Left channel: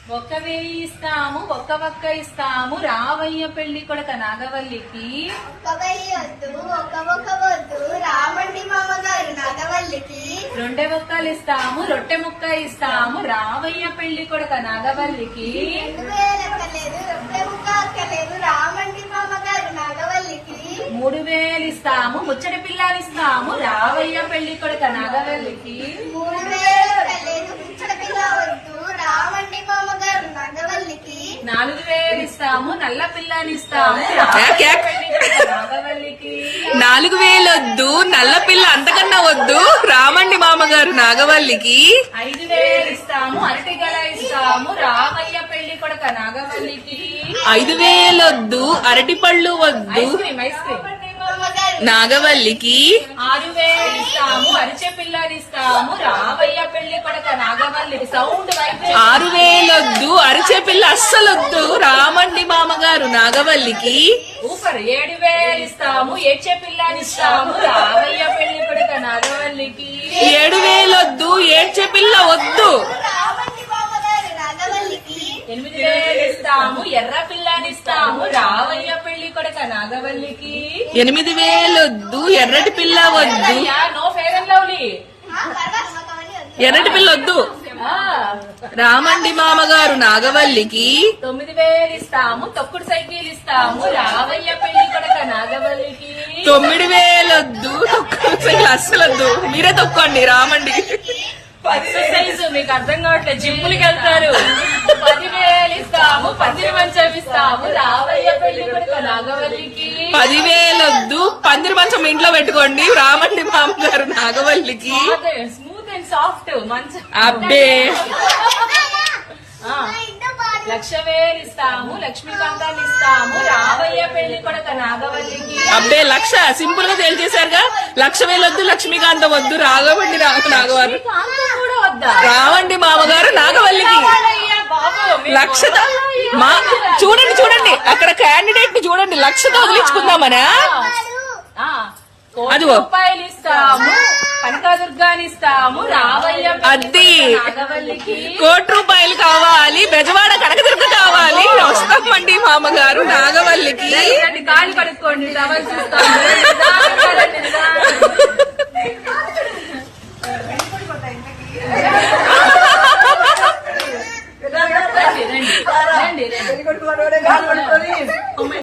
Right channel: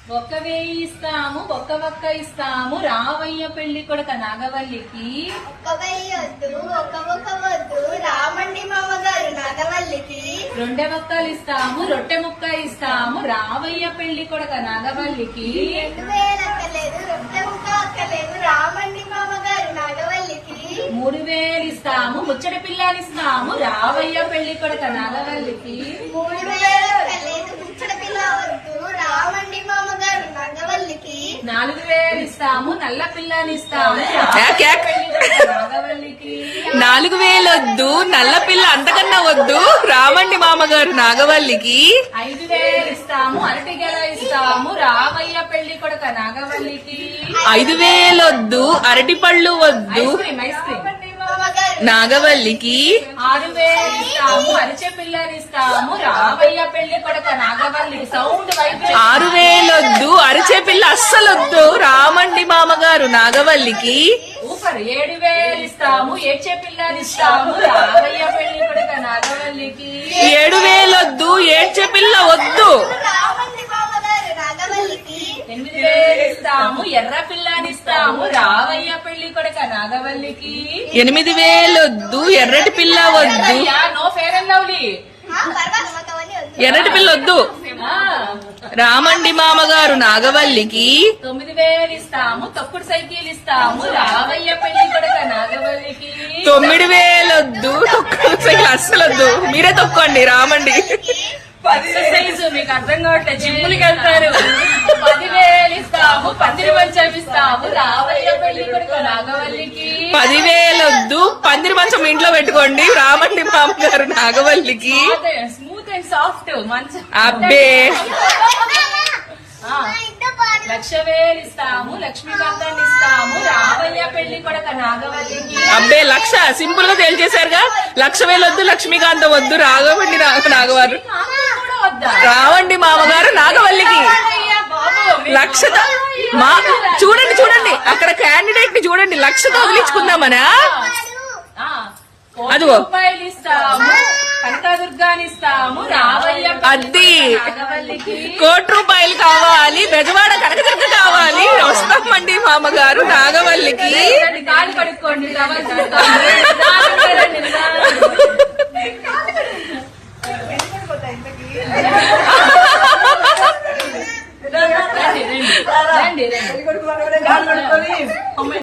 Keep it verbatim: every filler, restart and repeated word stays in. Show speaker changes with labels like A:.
A: ఒక్క వేయి ఇస్తాము ఒక్క ఒక్క ఇస్తాము రావయ్య పెళ్లి కొడుక నాగవల్లికి.
B: ఒక్క వెయ్యి వద్దు ఒక్క ఒక్క వద్దు రామండి మామగారు నాగవల్లికి.
A: రొండె ముక్కలు ఇస్తాము రొట్టె ముక్క ఇస్తాము రావయ్య పెళ్లి కొడుక నాగవల్లికి.
B: రెండు వేలు అక్కలేదు రొట్టె ముక్క అక్కలేదు రామండి మామగారు నాగవల్లికి.
A: మూడు వేలు ఇస్తాము ముచ్చటి పిల్లనిస్తాము రావయ్య పెళ్లి కొడుక నాగవల్లికి.
B: మూడు వేలు అక్కలేదు ముచ్చట పిల్ల వద్దు రామండి మామగారు నాగవల్లికి.
A: నాలుగు వేలు ఇస్తాము నల్ల పిల్లనిస్తాము రావయ్య పెళ్లి కొడుక నాగవల్లికి.
C: నాలుగు వేలొద్దు నల్ల పిల్ల అంతకన్నా వద్దు రామండి మామగారు నాగవల్లికి.
A: ఐదు వేలు ఇస్తాము అరటి గల ఇస్తాము రావయ్య పెళ్లి కొడుక నాగవల్లికి.
C: ఐదు వేలొద్దు అరటి పళ్ళు వద్దు
A: ఐస్ క్రీమ్ ఐస్ క్రీమ్
B: మామగారు
C: నాగవల్లికి.
A: ఆరు వేలు ఇస్తాము అరిచె పిల్లనిస్తాము రావయ్య పెళ్లి కొడుక నాగవల్లికి. సౌండ్ వైపు
C: ఆరు వేలొద్దు అరిచే పిల్ల అస్సలొద్దు రామండి మామగారు నాగవల్లికి.
A: ఊపర్ ఏడు వేలు ఇస్తాము ఏడ్చే పిల్లనిస్తాము రావయ్య పెళ్లి కొడుక నాగవల్లికి.
C: ఏడు వేలొద్దు ఏడ్చే పిల్ల వద్దు
B: రామండి మామగారు నాగవల్లికి.
A: ఎనిమిది వేలు ఇస్తాము ఎర్ర పిల్లనిస్తాము రావయ్య పెళ్లి కొడుక నాగవల్లికి.
C: ఎనిమిది వేలొద్దు ఎర్రటి పిల్ల వద్దు
A: yeah, no Fair and Lovely.
B: ఆ పర్వాలేదు మాకు అవన్నీ వద్దు.
C: ఎర్రటి పిల్ల వద్దు
A: ఆ,
C: రామండి మామగారు నాగవల్లికి.
A: తొమ్మిది వేలు ఇస్తాము తొక్కుడు సైకిల్ ఇస్తాము రావయ్య పెళ్లి కొడుక నాగవల్లికి.
C: తొమ్మిది వేలొద్దు సైకిల్ అస్సలొద్దు మీరే తొక్కండి రామండి.
A: ఎక్సర్సైజ్ మీకు అర్థం కావట్లేదు జిమ్ములకి వెళ్తారు. పదివేలు ఇస్తాము పందిరి మంచం ఇస్తాము రావయ్య పెళ్లి కొడుక నాగవల్లికి.
C: పదివేలొద్దు పందిరి మంచం ఇంట్లో పెట్టుకోండి రామండి మామగారు నాగవల్లికి.
A: స్మూత్ అండ్ సాఫ్ట్ మంచం.
C: అబ్బే
A: ఆ, లక్ష వేలు ఇస్తాము లక్ష్మీకాంతాన్ని ఇస్తాము రావయ్య పెళ్లి కొడుక నాగవల్లికి.
C: అబ్బే లక్ష సింపుల్ గా తేల్చేశారుగా. లక్ష వేలొద్దు లక్ష్మీకాంత వద్దు రాఘవండి నాగవారు
A: కాంతం కూడా వద్దా?
C: రావండి మామగారు నాగవల్లికి.
A: అయ్యా బాబు,
C: లక్షతో మా చూడండి చూడండి అక్కడ క్యాండిడేట్ ని చూడండి లక్షతో వదిలించుకుందామనా.
A: ఆ, కోటి
C: అదిగో.
A: రూపాయలు ఇస్తాము కనకదుర్గాని ఇస్తాము రావయ్య
C: అద్ది
A: నాగవల్లికి.
C: కోటి రూపాయలు కావాలి బెజవాడ కనకదుర్గ కావాలి వస్తామండి మామగారు నాగవల్లికి.
A: రండి, కాలు కడుక్కోండి టవల్ చూస్తాము. నిదానంగా రండి, నిదానంగా. రండి, రండి. రండి, రండి.